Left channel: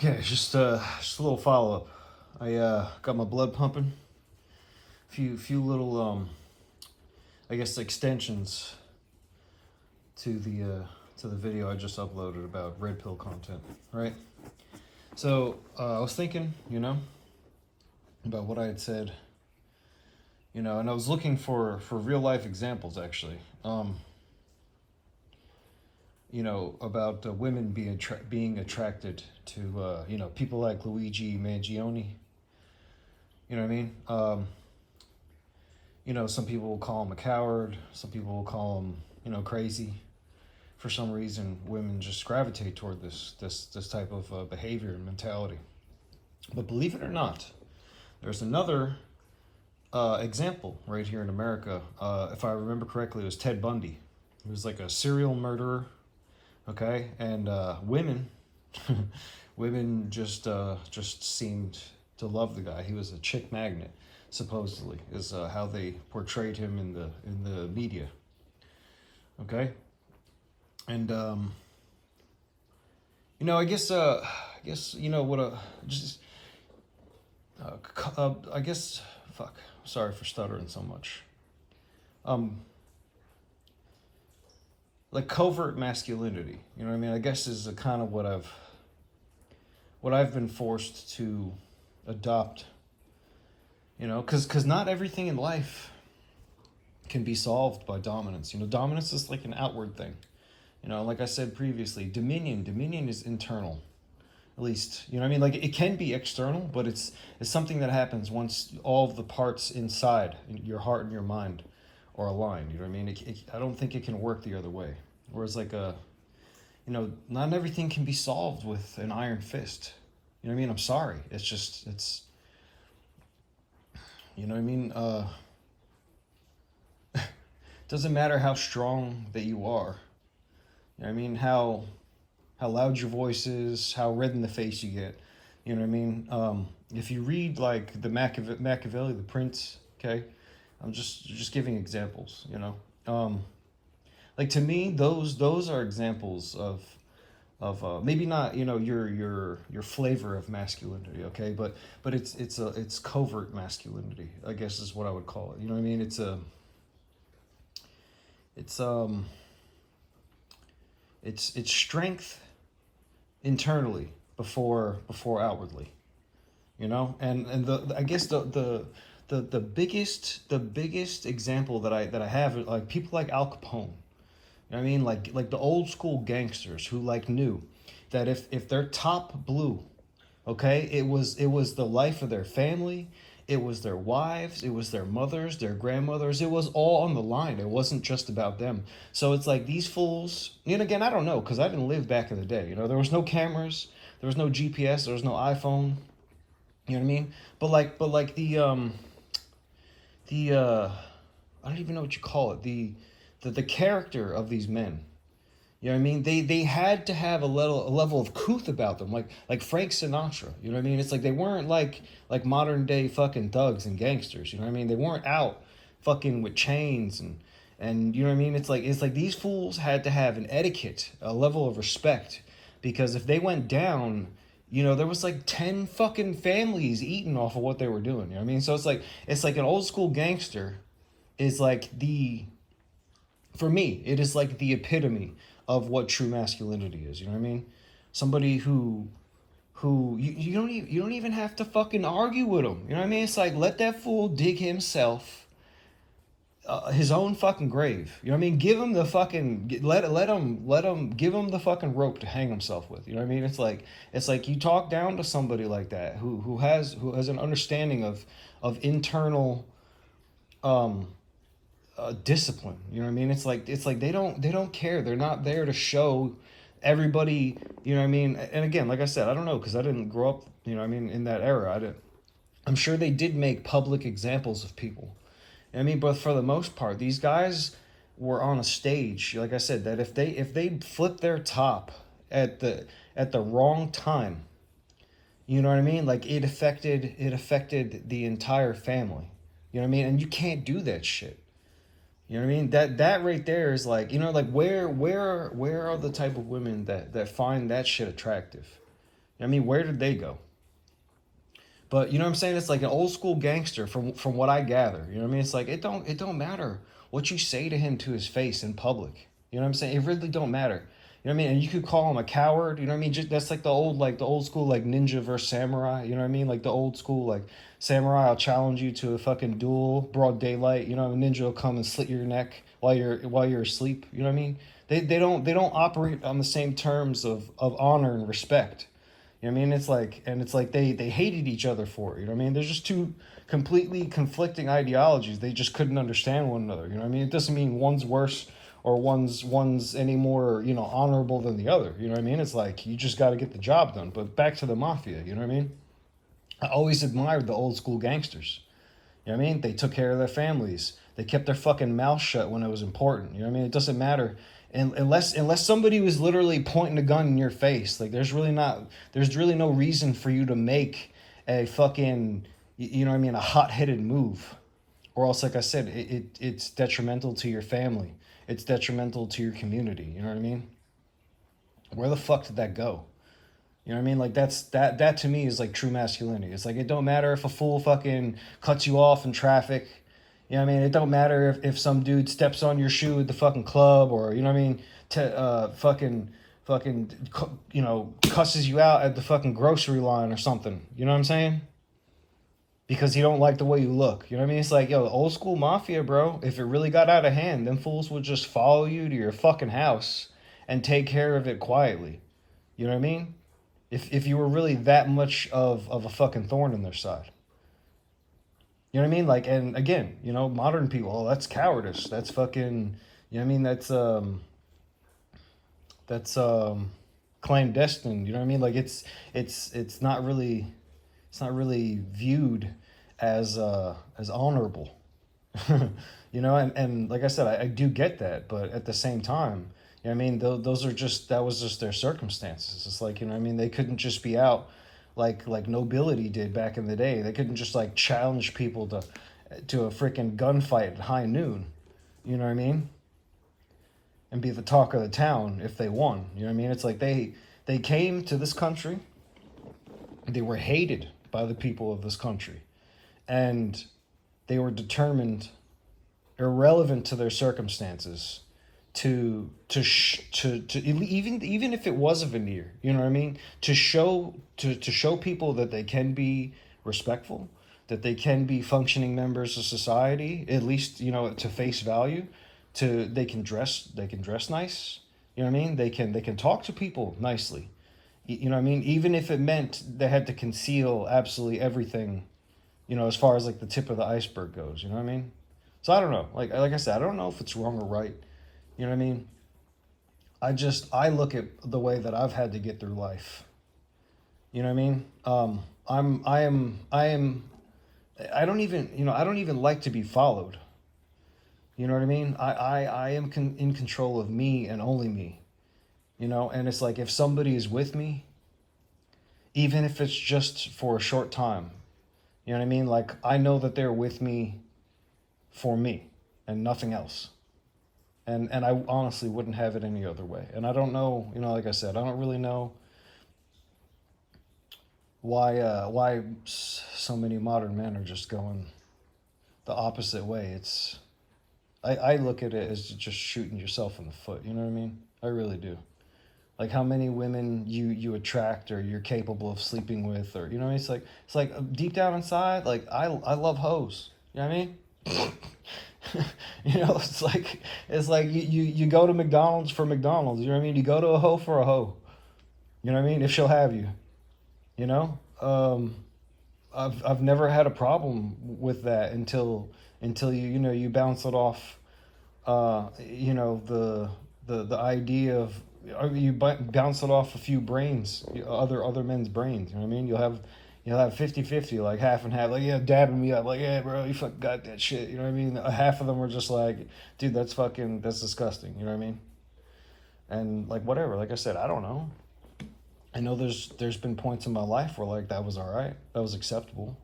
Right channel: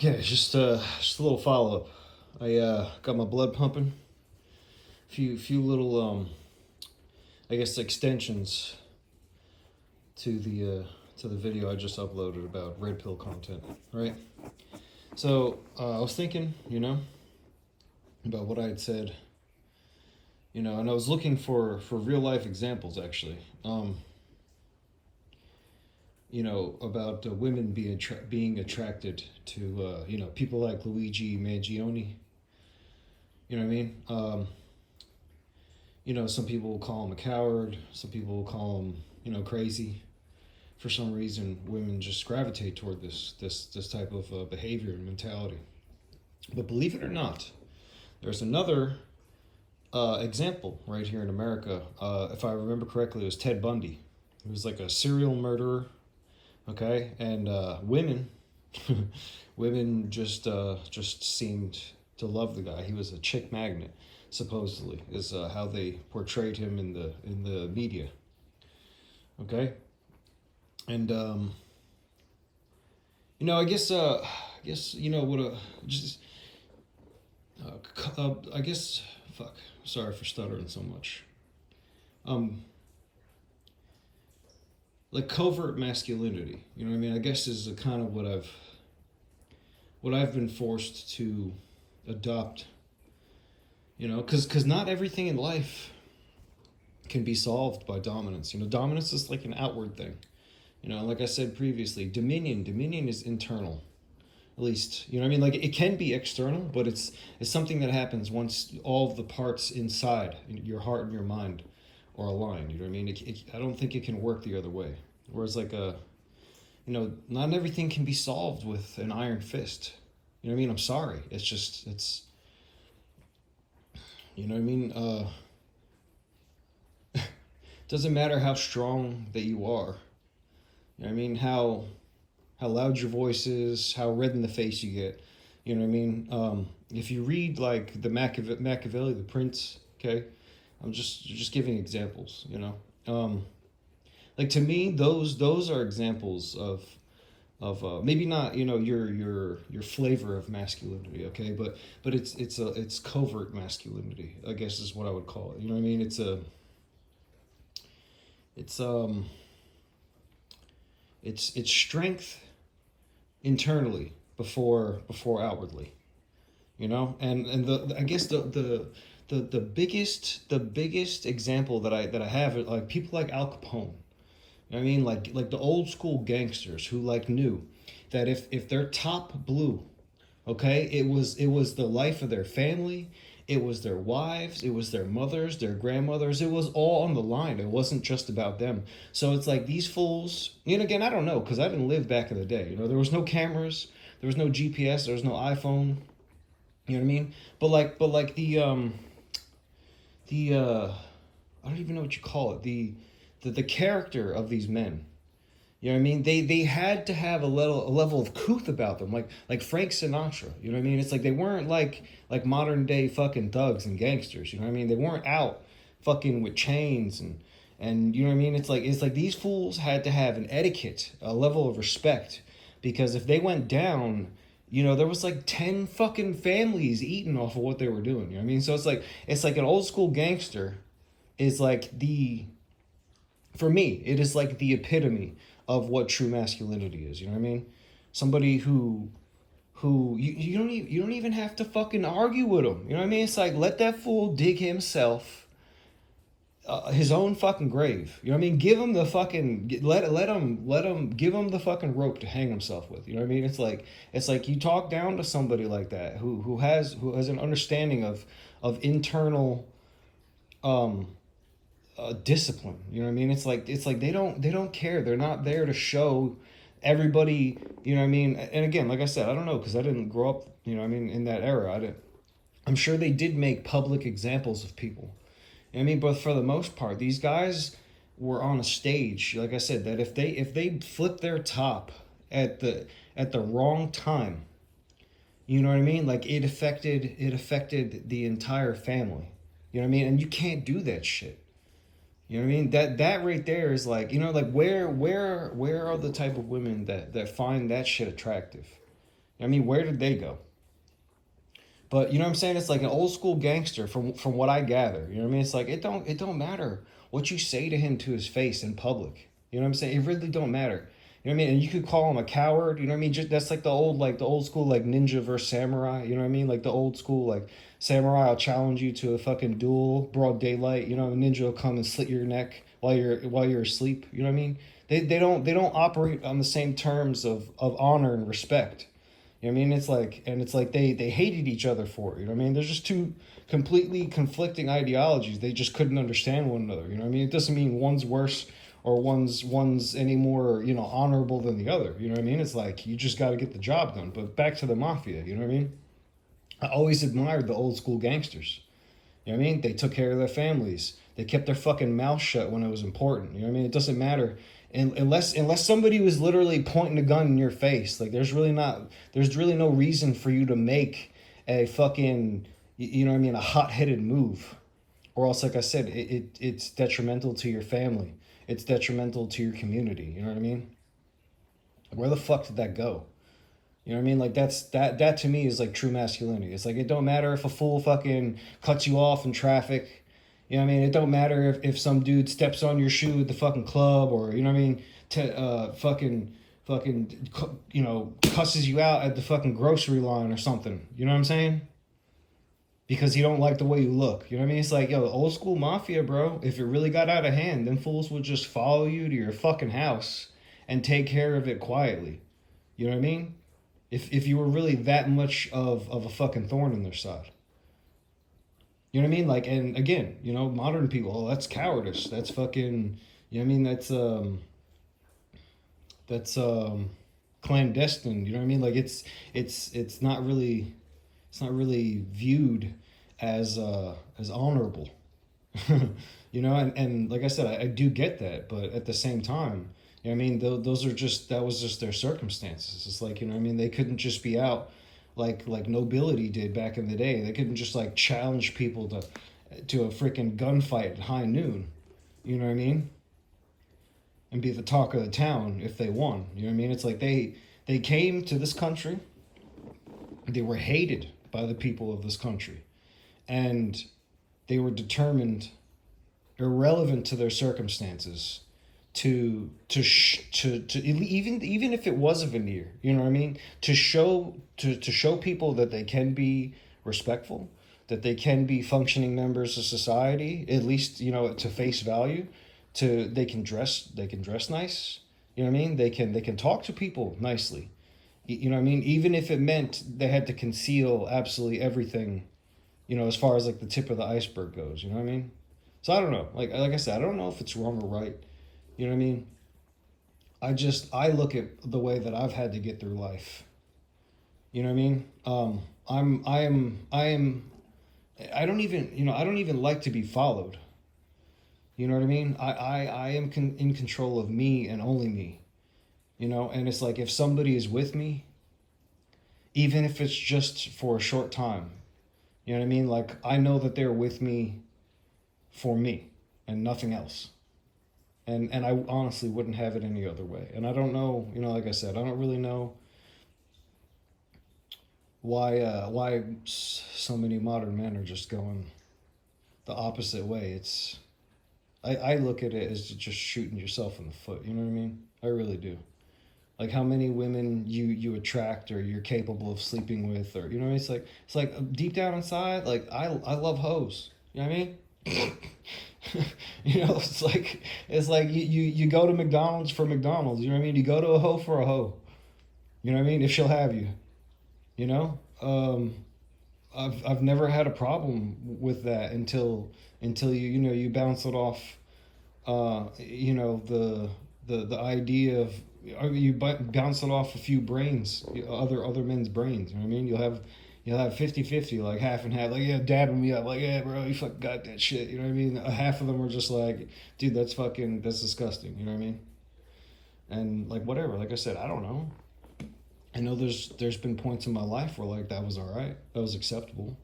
Okay, just a little follow up. I got my blood pumping. Few little I guess extensions to the video I just uploaded about red pill content. Right. So I was thinking, about what I had said, and I was looking for real life examples actually. About women being attracted to people like Luigi Mangione. You know what I mean? Some people will call him a coward. Some people will call him, crazy. For some reason, women just gravitate toward this type of behavior and mentality. But believe it or not, there's another example right here in America. If I remember correctly, it was Ted Bundy. He was like a serial murderer. Okay, and women, women just seemed to love the guy. He was a chick magnet, supposedly, is how they portrayed him in the media. Okay, and I guess what just I guess fuck. Sorry for stuttering so much. Um, like covert masculinity. You know what I mean? I guess is a kind of what I've been forced to adopt. Because not everything in life can be solved by dominance. Dominance is like an outward thing. Like I said previously, dominion is internal. At least, what I mean? Like it can be external, but it's something that happens once all of the parts inside your heart and your mind are aligned. You know what I mean? I don't think it can work the other way. Whereas not everything can be solved with an iron fist. You know what I mean? I'm sorry. It's you know what I mean? Doesn't matter how strong that you are. You know what I mean? How loud your voice is, how red in the face you get. You know what I mean? If you read like the Machiavelli, the Prince, okay, I'm just giving examples. Like to me, those are examples of maybe not your flavor of masculinity, okay, but it's covert masculinity, I guess is what I would call it. You know what I mean? It's it's strength internally before outwardly, and the I guess the biggest example that I have are like people like Al Capone. You know what I mean? Like the old school gangsters who like knew that if their top blew, okay, it was the life of their family, it was their wives, it was their mothers, their grandmothers, it was all on the line. It wasn't just about them. So it's like these fools, and again, I don't know, because I didn't live back in the day. There was no cameras, there was no GPS, there was no iPhone. You know what I mean? But like the I don't even know what you call it. The character of these men. You know what I mean? They had to have a level of couth about them, like Frank Sinatra. You know what I mean? It's like they weren't like modern day fucking thugs and gangsters. You know what I mean? They weren't out fucking with chains and you know what I mean? It's like these fools had to have an etiquette, a level of respect, because if they went down, there was like 10 fucking families eating off of what they were doing. You know what I mean? So it's like an old school gangster is like for me, it is like the epitome of what true masculinity is. You know what I mean? Somebody who you don't even have to fucking argue with him. You know what I mean? It's like let that fool dig himself his own fucking grave. You know what I mean? Give him the fucking let him give him the fucking rope to hang himself with. You know what I mean? It's like you talk down to somebody like that who has an understanding of internal discipline. You know what I mean? It's like they don't care. They're not there to show everybody. You know what I mean? And again, like I said, I don't know because I didn't grow up. You know what I mean? In that era, I'm sure they did make public examples of people. I mean, but for the most part, these guys were on a stage. Like I said, that if they flipped their top at the wrong time, you know what I mean? Like it affected the entire family. You know what I mean? And you can't do that shit. You know what I mean? That right there is like, like where are the type of women that find that shit attractive? I mean, where did they go? But you know what I'm saying? It's like an old school gangster from what I gather. You know what I mean? It's like it don't matter what you say to him to his face in public. You know what I'm saying? It really don't matter. You know what I mean? And you could call him a coward. You know what I mean? Just, that's like the old school like ninja versus samurai. You know what I mean? Like the old school like samurai. I'll challenge you to a fucking duel, broad daylight. You know, ninja will come and slit your neck while you're asleep. You know what I mean? They don't operate on the same terms of honor and respect. You know what I mean? It's like they hated each other for it. You know what I mean? There's just two completely conflicting ideologies. They just couldn't understand one another. You know what I mean? It doesn't mean one's worse or one's any more, honorable than the other. You know what I mean? It's like you just got to get the job done. But back to the mafia. You know what I mean? I always admired the old school gangsters. You know what I mean? They took care of their families. They kept their fucking mouth shut when it was important. You know what I mean? It doesn't matter. And unless somebody was literally pointing a gun in your face, like there's really no reason for you to make a fucking, you know what I mean, a hot-headed move. Or else, like I said, it's detrimental to your family. It's detrimental to your community. You know what I mean? Where the fuck did that go? You know what I mean? Like that to me is like true masculinity. It's like it don't matter if a fool fucking cuts you off in traffic. You know what I mean? It don't matter if some dude steps on your shoe at the fucking club, or you know what I mean, fucking cusses you out at the fucking grocery line or something. You know what I'm saying? Because he don't like the way you look. You know what I mean? It's like, yo, the old school mafia, bro. If it really got out of hand, them fools would just follow you to your fucking house and take care of it quietly. You know what I mean? If you were really that much of a fucking thorn in their side. You know what I mean? Like, and again, modern people, oh, that's cowardice. That's fucking, you know what I mean? That's clandestine. You know what I mean? Like, it's not really, viewed as honorable. And like I said, I do get that, but at the same time, you know what I mean? That was just their circumstances. It's like, you know what I mean? They couldn't just be out like nobility did back in the day. They couldn't just like challenge people to a freaking gunfight at high noon. You know what I mean? And be the talk of the town if they won. You know what I mean? It's like they came to this country. They were hated by the people of this country, and they were determined, irrelevant to their circumstances, to even if it was a veneer, you know what I mean, to show people that they can be respectful, that they can be functioning members of society, at least to face value, they can dress nice, you know what I mean, they can talk to people nicely, you know what I mean, even if it meant they had to conceal absolutely everything, as far as like the tip of the iceberg goes, you know what I mean. So I don't know, like I said, I don't know if it's wrong or right. You know what I mean? I look at the way that I've had to get through life. You know what I mean? I don't even like to be followed. You know what I mean? I am in control of me and only me. And it's like if somebody is with me, even if it's just for a short time, you know what I mean? Like I know that they're with me for me and nothing else. And I honestly wouldn't have it any other way. And I don't know, like I said, I don't really know why so many modern men are just going the opposite way. I look at it as just shooting yourself in the foot. You know what I mean? I really do. Like how many women you attract or you're capable of sleeping with, or you know what I mean? It's like deep down inside, like I love hoes. You know what I mean? It's like you go to McDonald's for McDonald's. You know what I mean? You go to a hoe for a hoe. You know what I mean? If she'll have you. I've never had a problem with that until you bounce it off. The idea of you bounce it off a few brains, other men's brains. You know what I mean? You'll have 50-50, like half and half, like, yeah, dabbing me up, like, yeah, bro, you fucking got that shit, you know what I mean? Half of them were just like, dude, that's disgusting, you know what I mean? And, like, whatever, like I said, I don't know. I know there's been points in my life where, like, that was all right, that was acceptable,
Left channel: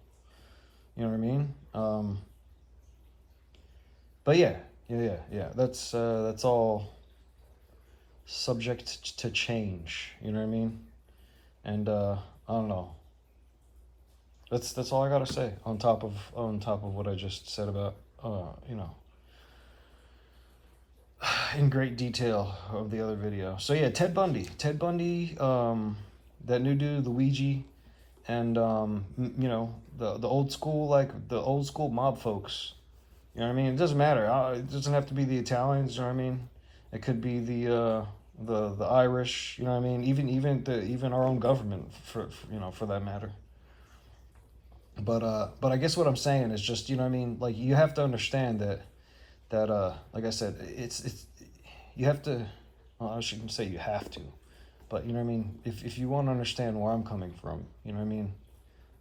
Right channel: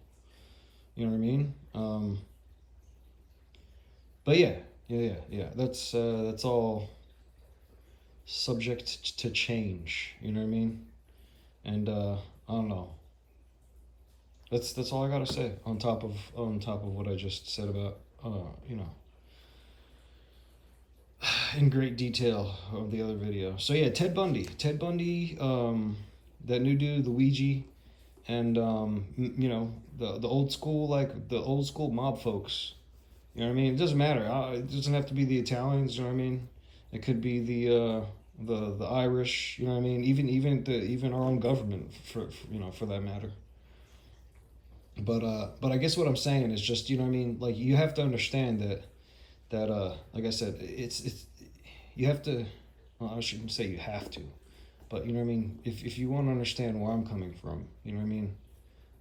you know what I mean? But yeah, that's all subject to change, you know what I mean? And I don't know. That's all I gotta say on top of what I just said about you know, in great detail of the other video. So yeah, Ted Bundy, that new dude, Luigi, and you know, the old school, like the old school mob folks. You know what I mean? It doesn't matter. It doesn't have to be the Italians. You know what I mean? It could be the Irish. You know what I mean? Even our own government for you know, for that matter. But I guess what I'm saying is just, you know what I mean? Like, you have to understand that like I said, it's you have to. Well, I shouldn't say you have to, but you know what I mean. If you want to understand where I'm coming from, you know what I mean.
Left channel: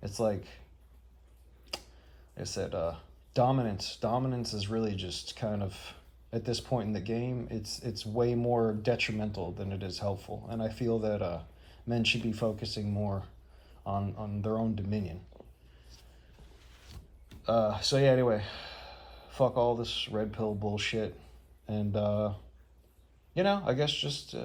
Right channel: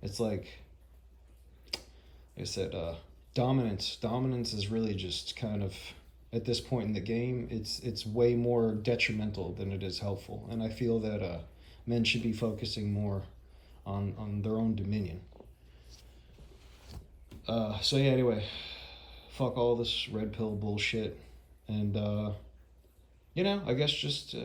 It's like I said, dominance is really just kind of, at this point in the game, it's way more detrimental than it is helpful, and I feel that men should be focusing more on their own dominion. So yeah, anyway, fuck all this red pill bullshit, and you know, I guess just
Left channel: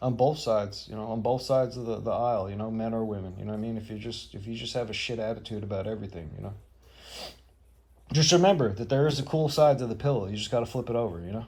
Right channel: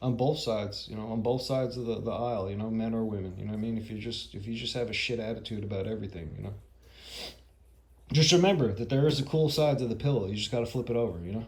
on both sides, you know, on both sides of the aisle, you know, men or women, you know what I mean? If you just have a shit attitude about everything, you know, just remember that there is a cool side to the pill. You just got to flip it over, you know.